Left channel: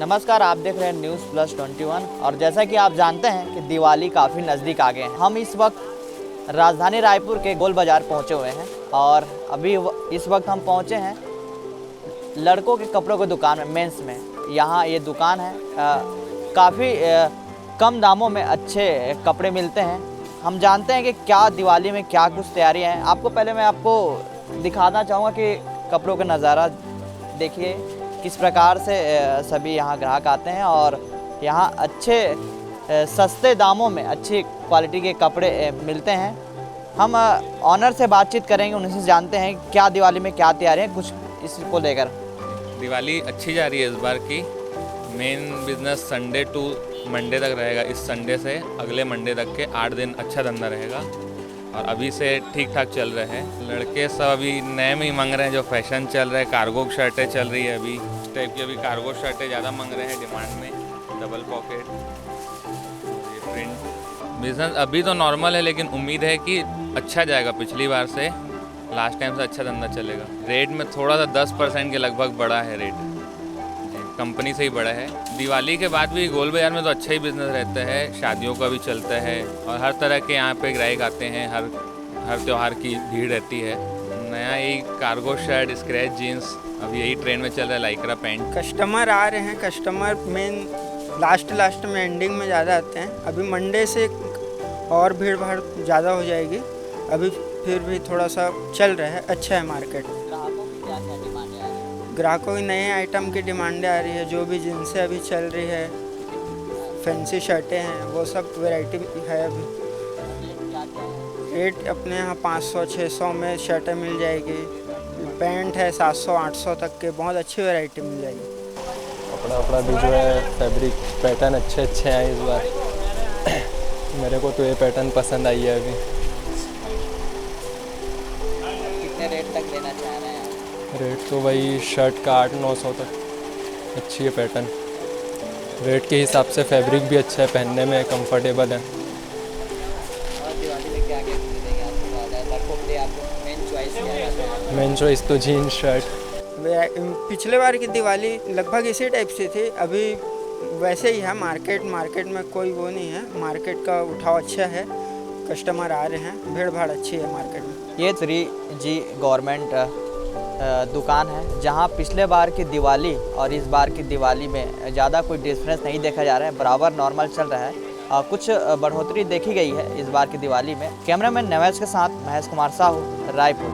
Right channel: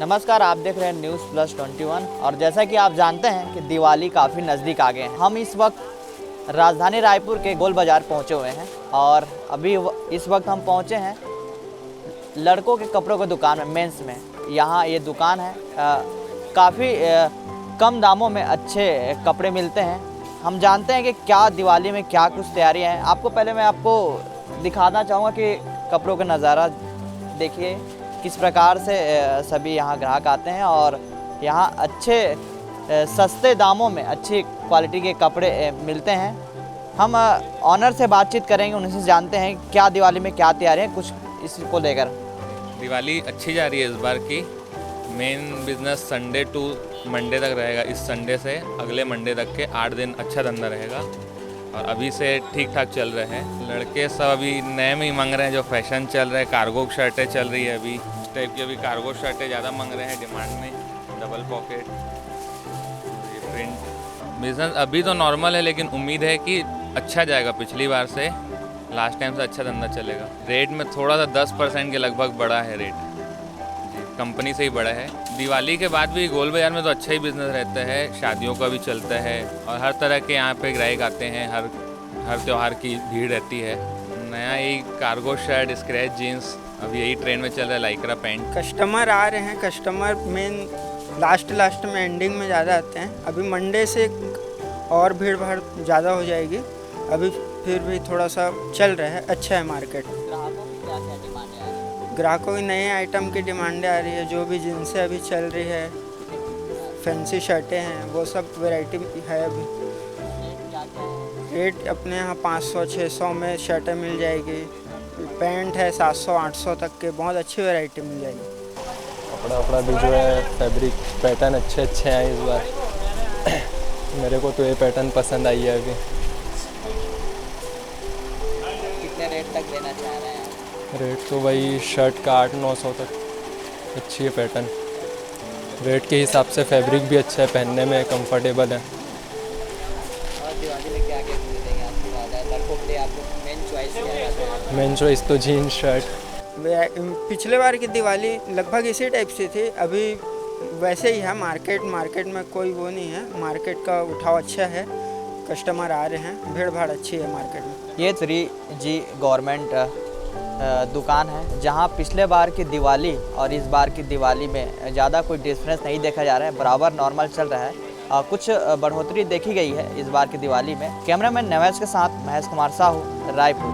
नमस्कार, आप देख रहे हैं न्यूज़ प्लस 21 और जैसा कि आप जानते हैं कि दिवाली काफ़ी नज़दीक आ गए हैं। हम इस वक्त राजधानी रायपुर के गोल बाज़ार पहुंचे हुए हैं और इस वक्त हम पहुंचे हैं लड़कों के कपड़ों की दुकान में, मेंस में। यहाँ ये दुकान है, काफ़ी कम दामों में अच्छे कपड़े मिलते हैं। हम जानते हैं कि क्या दिवाली में क्या कुछ तैयारियाँ हैं। पहले मैं आपको दिखाना चाहूँगा कि कपड़ों का नज़ारा देखिए किस प्रकार से सभी यहाँ ग्राहक आते हैं और यहाँ अच्छे सस्ते दामों में अच्छी क्वालिटी के कपड़े मिलते हैं। हम ऑनर से बातचीत करेंगे, उनसे जानते हैं क्या दिवाली में क्या तैयारी है कुछ इसको लेकर। दिवाली अच्छी जा रही है इस बार की। Main business Sunday to Monday तक रहेगा। इस संडे से अगले मंडे तक के 8 दिन अच्छा धंधा रहेगा और अभी से ठीक ठाक चल रहे हैं। लड़के सब अभी नए में ही मांग रहे हैं, जो फैशन चल रहा है। कार्गो शर्टें चल रही है अभी, इस टाइप की अभी कार्गो शर्टें ज़्यादा मांग रहे हैं डिमांड में। डबल पॉकेट, ये प्रिंट बिजनेस अभी तो नॉर्मल है, लेकिन उम्मीद है कि अच्छा जाएगा। पिछली बार से लास्ट टाइम से अच्छा धंधा चलेगा। रेट में थोड़ा सा 10% के लगभग बढ़ा है रेट जी, कंपनी से ही बढ़ा है। दिवाली के बाद भी गोल बाज़ार में तो अच्छा ही बिजनेस रहता है, शादियों का भी चलता है और हर तरह के यहाँ पे ग्राहक आते हैं। हर त्यौहार की भीड़ रहती है। नया यही कार्गो शर्ट, स्क्रैच जीन्स अभी यही ट्रेंड में चल रहा है, लाइक्रा पैंट। कस्टमर आ रहे हैं, कस्टमर मेन लास्ट में एंडिंग में ज़्यादा आते हैं। अभी मंडे से और भीड़ भाड़ ज़्यादा हो जाएगी। अभी फिर भी थोड़ा सा चल रहा है, अच्छा है मार्केट। ग्राहकों की क्या क्या डिमांड है? ग्राहकों की नए आइटम की डिमांडें आ रही है, जो भी जिनसे अभी चल रही है। फैंसी शर्टें हैं, वो सब वैरायटी है अभी। क्या क्या है? रेट अपने यहाँ 500-600 में शर्टें मिल जाएगी। पैंट है 700-800 तक के, बहुत अच्छी वैरायटी मिल जाएगी। कपड़ा भी जो है, फैब्रिक पैटर्न अच्छे हैं इस बार। मेरे को तो ये पैटर्न पसंद आई है अभी। कितने रेट तक देना चाह रहे हैं आप? रेट तो वही शर्ट का 800-900 तक। अच्छी है पैटर्न, रेट के हिसाब से फैब्रिक भी अच्छा है, पहनने में कंफर्टेबल है। और दिवाली में क्या क्या खरीदेंगे आपके पास? लड़कों के लिए आपको मेन चॉइस क्या है? मेन चॉइस तो जीन्स शर्ट। पिछले बार की दिवाली लगभग इसी टाइप से थी। अभी वैसे ही है मार्केट में कोई वो नहीं है। मार्केट का उठाव अच्छा है, कस्टमर आ रहे हैं, भीड़ भाड़ अच्छी है मार्केट में। ये 3G गवर्नमेंट दुकान है, जहां पिछले बार की दिवाली और इस बार की दिवाली में ज़्यादा कोई डिफरेंस नहीं देखा जा रहा है, बराबर नॉर्मल चल रहा है। कुछ बढ़ोतरी देखी गई है इस बार की दिवाली में। कैमरामैन नवेश के साथ महेश कुमार साहू, रायपुर।